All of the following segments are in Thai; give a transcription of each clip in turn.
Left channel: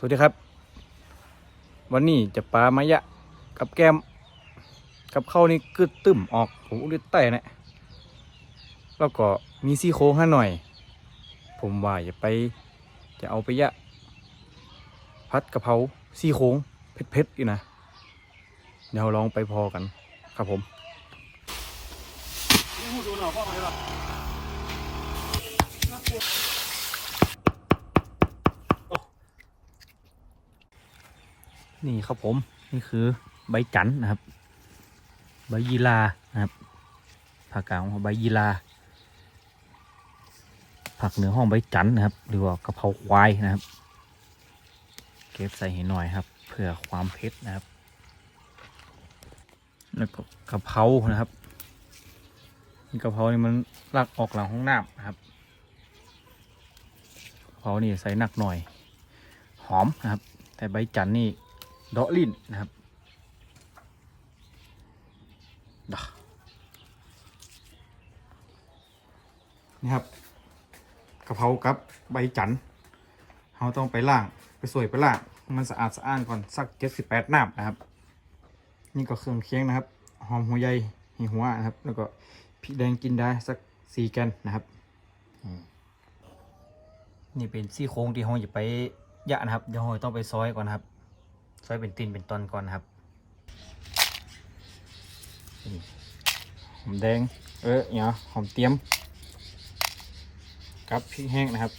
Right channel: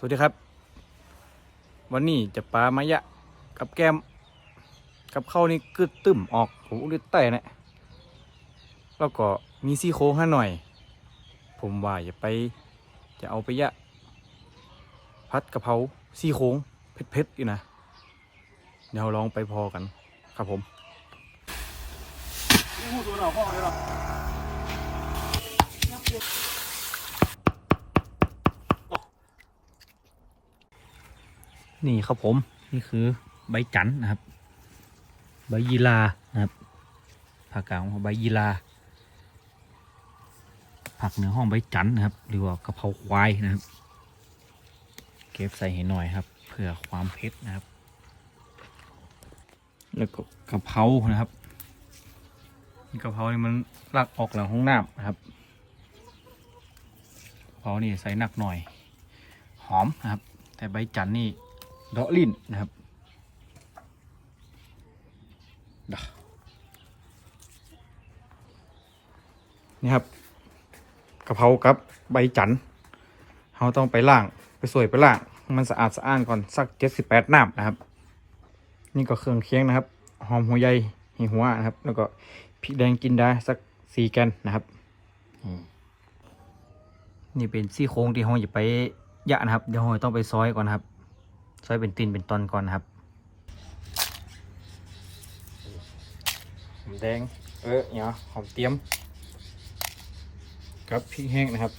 สวัสดีครับ วันนี้จะปลามายะกับแก้ม กับข้าวนี่กึดตึมออกผมอุลิไต้นะแล้วก็มีซี่โครงให้หน่อย ผมว่าอย่าไป จะเอาไปยะ พัดกะเพราซี่โครงเผ็ดๆอยู่นะเดี๋ยวลองไปพอกันครับผมนี่ นี่ครับผมนี่คือใบจันทร์นะครับ ใบยีลานะครับภาคกางของใบยีลาผักเหนือห้องใบจันทร์นะครับ หรือว่ากะเพราควายนะครับ เก็บใส่ให้หน่อยครับ เพื่อความเผ็ดนะครับ แล้วก็กะเพรานะครับกะเพรานี่มันรักออกหลังห้องน้ำนะครับกะเพรานี่ใส่หนักหน่อย หอมนะครับ แต่ใบจันทร์นี่ ดาะลิ้นนะครับดะนี่ครับกะเพรากับใบจันเราต้องไปล่างไปสวยไปล่าง มันสะอาดสะอ้านก่อนสักเจ็ดสิบแปดน้ำนะครับ นี่ก็เครื่องเคียงนะครับ หอมหัวใหญ่หิหัวนะครับ แล้วก็พริกแดงกินได้สักสี่แกนนะครับนี่เป็นซี่โครงที่ห้องอย่าไปยะนะครับ เดี๋ยวห้องต้องไปซอยก่อนนะครับ ซอยเป็นตีนเป็นตอนก่อนนะครับหอมแดง เออเนี่ยหอมเตรียมกับพริกแห้งนะครับ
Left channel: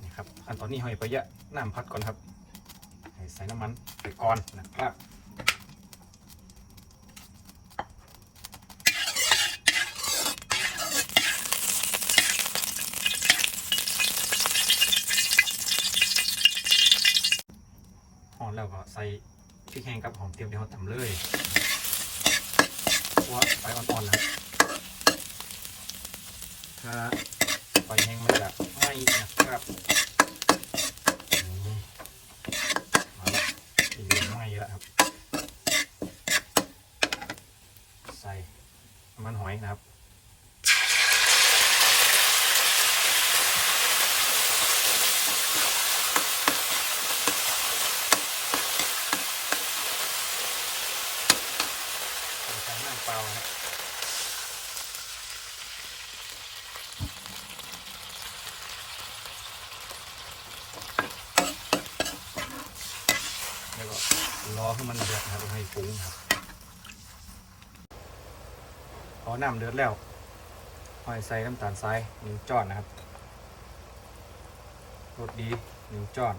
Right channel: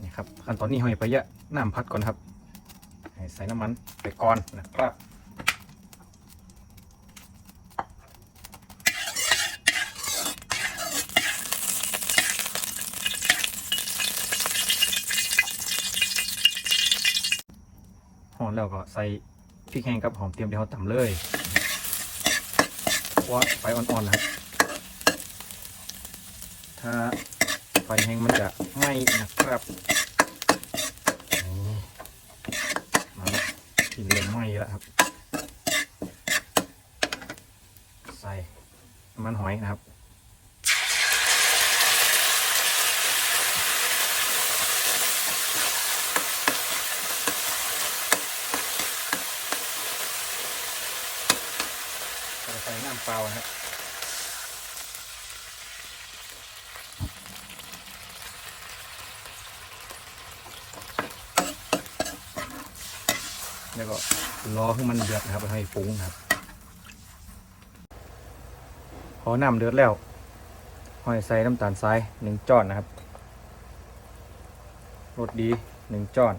นี่ครับขั้นตอนนี้ห้อยไปเยอะน้ำพัดก่อนครับให้ใส่น้ำมันไปก่อนนะครับ หอนแล้วก็ใส่พริกแห้งกับหอมเตรียมที่เราตำเลยคั่าไฟอ่อนๆนะถ้าไฟแห้งมันจะไหม้นะครับอืมมากินเลยไหม้แล้วครับ ใส่น้ำมันหอยนะครับ ใส่น้ำเปล่านะครับแล้วก็รอให้มันเดือดครับให้ฟุ้งครับพอน้ำเดือดแล้วหอยใส่น้ำตาลทรายหนึ่งจอนนะครับรสดีหนึ่งจอน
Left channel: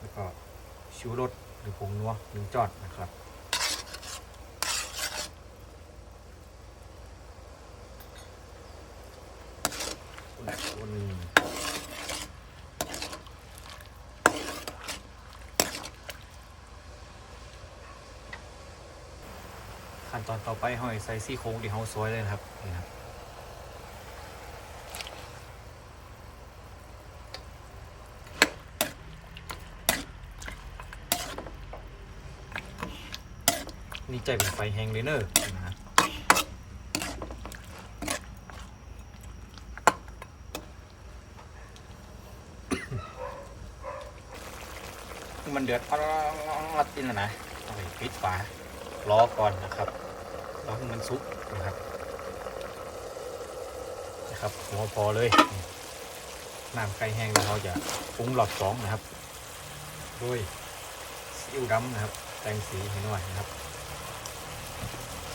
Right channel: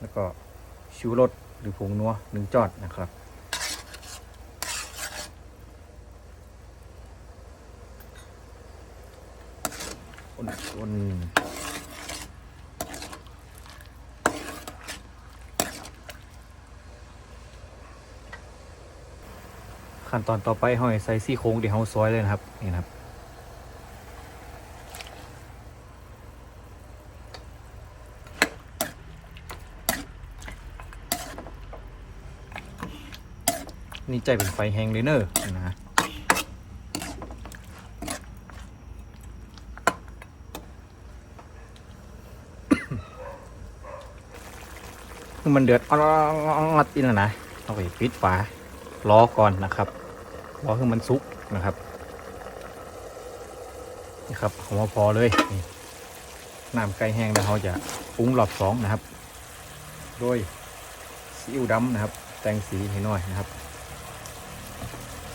แล้วก็ชูรสหรือผงนัวหนึ่งจอนนะครับ อืมขั้นตอนต่อไปห้อยใส่ซี่โครงที่เฮาซอยเลยนะครับนี่ครับนี่ใจเป็นไฟแห้งเลยเนอะนะฮะ คือมันเดือดอัดอีแล้วนะเอาไปปิดฝารอก่อนนะครับรอให้มันสุกนะครับนะครับหัวพอเลยน้ำไก่แห้งนะเราจะปรุงรอบสองนะครับโดยซีอิ๊วดำนะครับ แต่งสีให้หน่อยนะครับ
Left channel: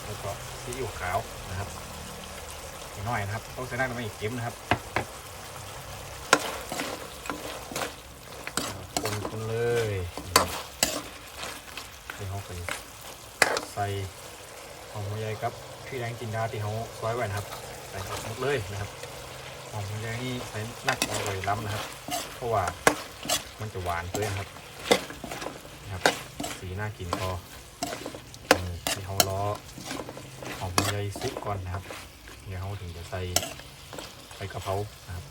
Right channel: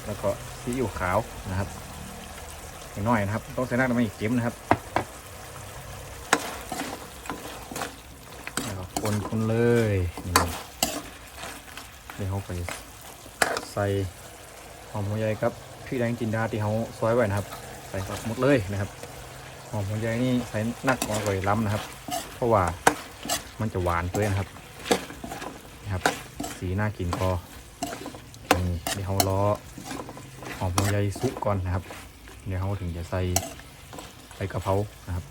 แล้วก็ซีอิ๊วขาวนะครับให้หน่อยนะครับ ต้องใส่น้ำมันอีกเค็มนะครับ คนคนเลยนี่ใส่เข้าไปใส่หอมหัวใหญ่ครับพี่แดงจินดาที่เขาซอยไว้นะครับใส่ครับหมดเลยนะครับหอมหัวใหญ่นี่ใส่นักเอาไปล้ำนะครับ เพราะว่ามันจะหวานเกินครับนะครับ สีน่ากินพอนี่ที่เขาล้อหอมหัวใหญ่ซุปก่อนนะครับเดี๋ยวเขาถึงจะใส่ใส่กะเพรานะครับ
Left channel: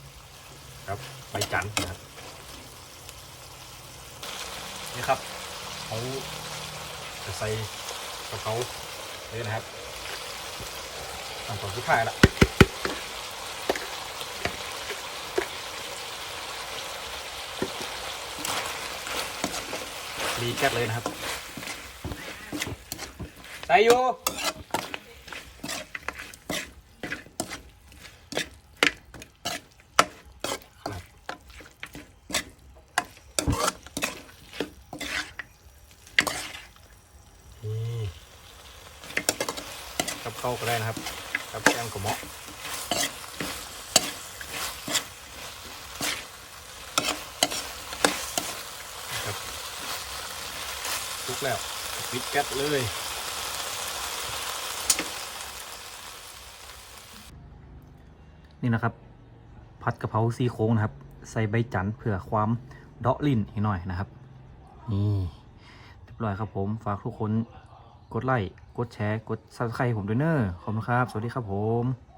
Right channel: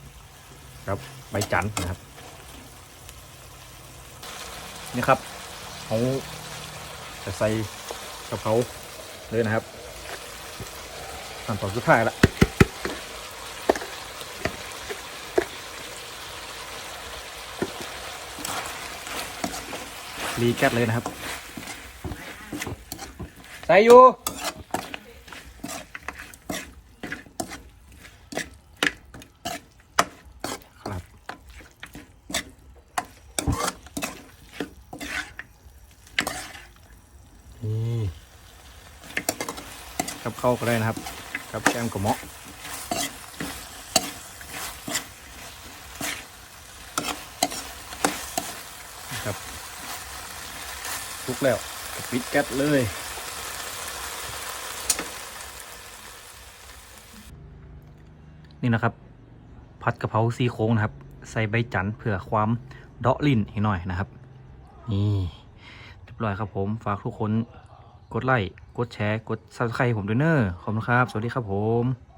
ครับใบจันทร์นะครับ นี่ครับเขาจะใส่กระเขาเลยนะครับขั้นตอนสุดท้ายแล้วรีแคปเลยนะครับ ใส่อยู่ เข้าก็ได้นะครับ กับแกงกระเหมาะนะครับทุกแล้วปิดแก๊สเลย นี่นะครับ ผัดกะเพราซีโค้งนะครับ ใส่ใบจันทร์เพื่อความเดาะลิ้นอีกหน่อยนะครับ นี่เรียบร้อยครับผม ฝากทุกคนกดไลค์ กดแชร์ กดซับสไครต์ผมด้วยเนอะขอบคุณครับ สวัสดีครับผม